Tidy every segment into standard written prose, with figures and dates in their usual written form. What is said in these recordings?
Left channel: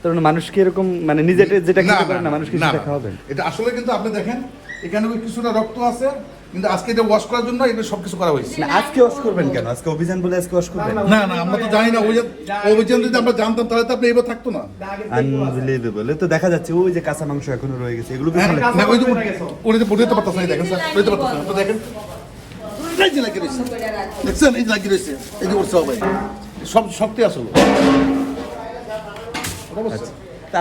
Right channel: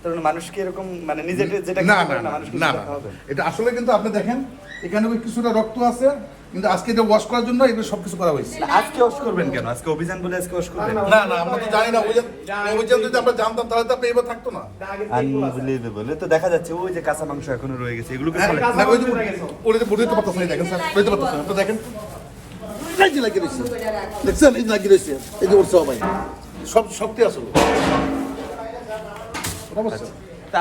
তার মানে মানুষ কি এরকম মানে নিজে যেটা না না না না না এটা আসলে কিন্তু আপনি দেখেন এখানে কিছুটা রক্ত আছে, কিন্তু আজকে এটা ওয়াশ করার জন্য এগুলো সবকিছু করা হয়েছে। আজকে ওয়াশ করবেন কেন? আজকে অভিযান বলে আজকে ওয়াশ করবেন? না না আমরা তো জানি না, অভিযান যদি আমরা জানতাম তাহলে তো আপনি এবার থাকতো না। আনবিলিভেবল। তো দেখা যাচ্ছে ওই যে কাঁচা মাংস এখনো রয়ে গেছে, এগুলো কি না ওই যে উনি বুঝতে পারতেছেন, দেখেন স্যার বুঝতে পারতেছেন তো দেখেন এই যে লাগিয়ে রয়েছে, দেখছেন এই যে লাগিয়ে রয়েছে, এই যে ওর সবাই সব সবটি আসলে অবশ্যই।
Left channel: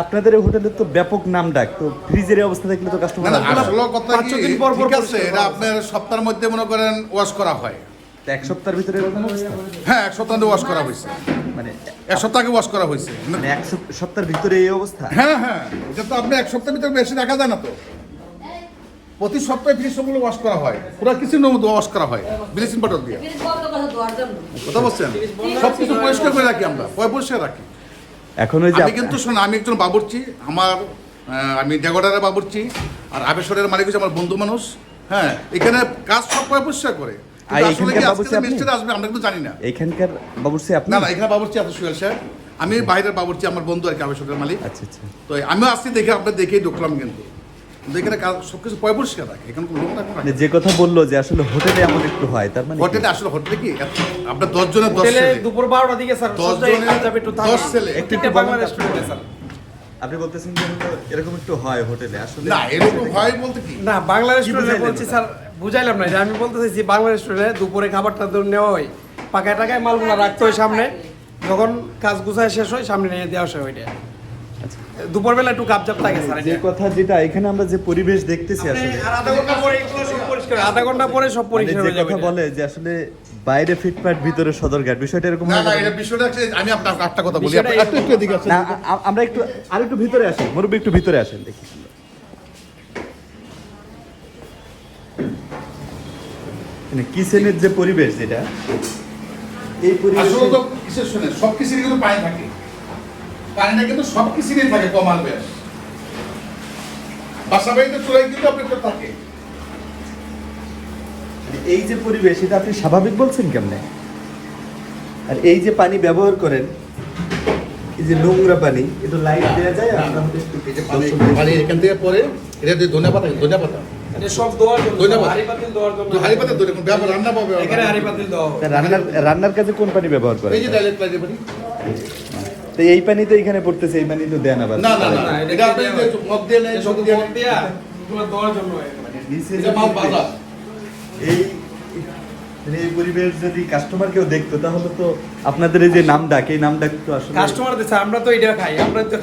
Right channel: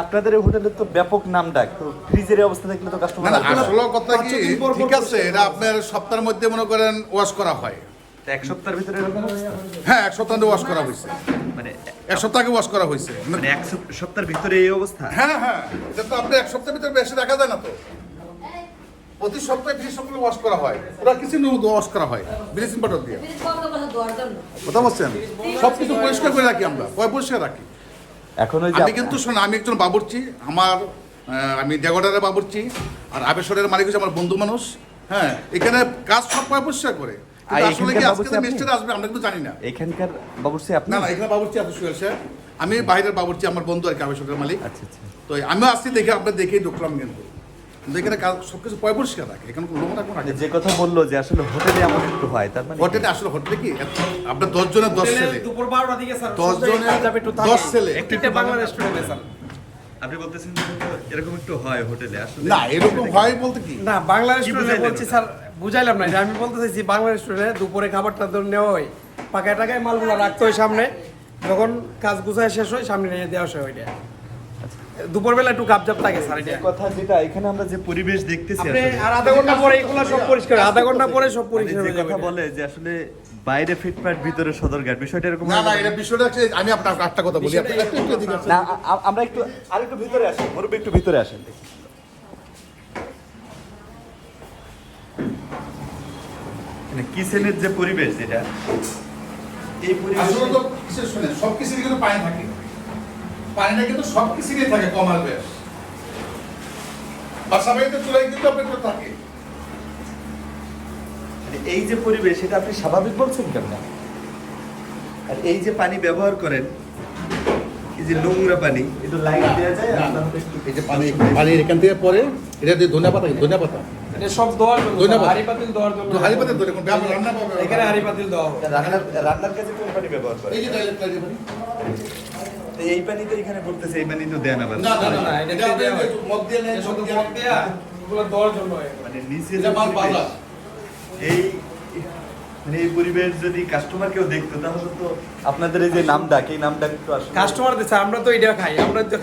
আপনাদের এই হোটেলের তো ব্যাপক নাম ডাক, তো ফ্রিজের অবস্থা দেখলে তো কাস্টমার না না আসলে কথা কি ঠিক আছে, এটা আপনার সপ্তাহের মধ্যে মনে করেন ওয়াশ করা হয়। এক সপ্তাহের ভিতরে হ্যাঁ এক সপ্তাহ ওয়াশ করা হয়েছে, মানে এক সপ্তাহ আগে ওয়াশ করা হয়েছে। মানে এক সপ্তাহের ভিতরে এই অবস্থা? হ্যাঁ হ্যাঁ এটা তো আপনি এক সপ্তাহের ভিতরে বেশি রাখা যায় না তো, প্রতি সপ্তাহে ফ্রিজ সবগুলো ওয়াশ করা হয়, পুরো কিচেনের মধ্যে ওয়াশ করা হয় ব্লিচিং পাউডার দিয়ে। কথা বলছেন সবকিছু পরিষ্কার করে রাখি আমরা, পরিষ্কার রাখি। এখন ওই যে আমি কিন্তু শোনো, আমি একজন বাবুর্চি, আমার আমি ডেগোডারের বাবুর্চি, আর আবেশ্বরের মালিক হচ্ছে আমার বন্ধু মানুষ। হ্যাঁ এখানে কাজ সব পরিষ্কার করে, কিন্তু আসলে কি আজকে যে মিস্ত্রি আসবে আমরা কিন্তু জানি না। এখানকার বাবুর্চি আপনি? না না এখানে বাবুর্চি আছে সুহেল সাহেব, আমি বাইরের বাবুর্চি, আমার বন্ধু আর কি আবেশ্বরের মালিক। আচ্ছা আচ্ছা। তো আমিও আসছি দেখে আপনার দেখেই ঢুকলাম, কিন্তু এখানে কাজ সবকিছু পরিষ্কার রাখে, এখানে কোনো লোক রাখবো না। যে কথা বললো যে আসলে হোটেলে এমন একটু হয়, তার মানে হোটেলে আসলে হোটেলে কি আপনার 10 জনের 10 ছেলে, দুপুর 12টার দিকে স্যার 10 জনের যাবে একটু 10 ছেলে, প্রত্যেকটা বাংলা রেস্টুরেন্টে স্যার। আপনি বলতেছেন যে এরকম একটু হয় হোটেলে আসলে? না এরকম হয় বলতে কি না বাংলা রেস্টুরেন্টে বুঝাইলেন বলছি ওটা? স্যার, বুঝাইলাম না, এটা আমি বলতে চাইছি বাংলা রেস্টুরেন্টে দুপুরে খাবারটা ধরে নেওয়া হয়, পাকায় টাকায় মালগুলো রাখতে হয় সামনে, যখন কাজ গুছায় শেষ হয় সামনে নিয়ে দেওয়া হয় ওইটা। দুপুরবেলা একটু গাপজাপ থাকে স্যার যে এটা। কথা যেটা এখানে আমরা যে পরিবেশ দেখতেছি আসলে, আর আধা ঘন্টা পরে এগুলো সব পরিষ্কার, আধা ঘন্টা পরে সব পরিষ্কার যে হয়ে যাবে কথা এটা। বলে যে আসলে বাইরে ফিটপাট ভিতরে সদরঘাট, বিষয়টা এরকম না না না? এটা বিষয়টা হচ্ছে, আমি আপনাকে একটা কথা বলি, বিষয়টা আপনি একটু এদিকে আসেন। না, আমরা একটু আরেকটু ভিতরে আসি, মুরব্বী একটু ভিতরে আসেন দেখি। কিচেনের যে পরিবেশ এটা, এই পরিবেশ আসলে তো কিসের শুনে সব কিছুরই কিন্তু পানি থাকে, পানিটা কিন্তু সব কিছুরই থাকে কমাল বেশ, বাসা বাড়িতে চুলাই কিন্তু আপনার থাকে। এই যে পরিবেশ এটা আপনি স্বাভাবিক বলছেন কেমনে? আর এই যে পানি ব্যবহার করেন, এই যে নোংরা পানি, এটা লাইট দেওয়া যায়? আর আমাদের একটু এই যে পানি এখান থেকে পরে এটা দিয়ে ধনিয়া পাতা এটা সব দেওয়ার জন্য, ধন্যবাদ। হাঁড়ি পাতিল দেওয়ার জন্য। তো হাড়ি পাতা ধরে কোন ব্যবহার রান্না পাবে এখানে হাঁড়ি পাতিল দেওয়া হবে। রান্নার কাজে কোন পানি ব্যবহার করে? এই যে ডাইরেক্ট লাগে পানি। তো এই পানি তো এখানে পড়তেছে, এই পানি তো দেয় না বাস। না না না না, এটা এটা দেয়া হয়। মগ দিয়ে নেই, এটা মগ শুধু দিয়ে মগ দিয়া এগুলো দেওয়ার জন্য হয়। মানে নিচে এটা যে মাল পরিবেশ, বাঁধা। এই মানে এই পরিবেশ যদি কাস্টমার কেউ দেখতো তাহলে তো আপনাদের এই যে নাম ডাক, এই নাম ডাক তো আসলে কাস্টমার দিচ্ছে, আমরা তো এটা খাই, আমরা তো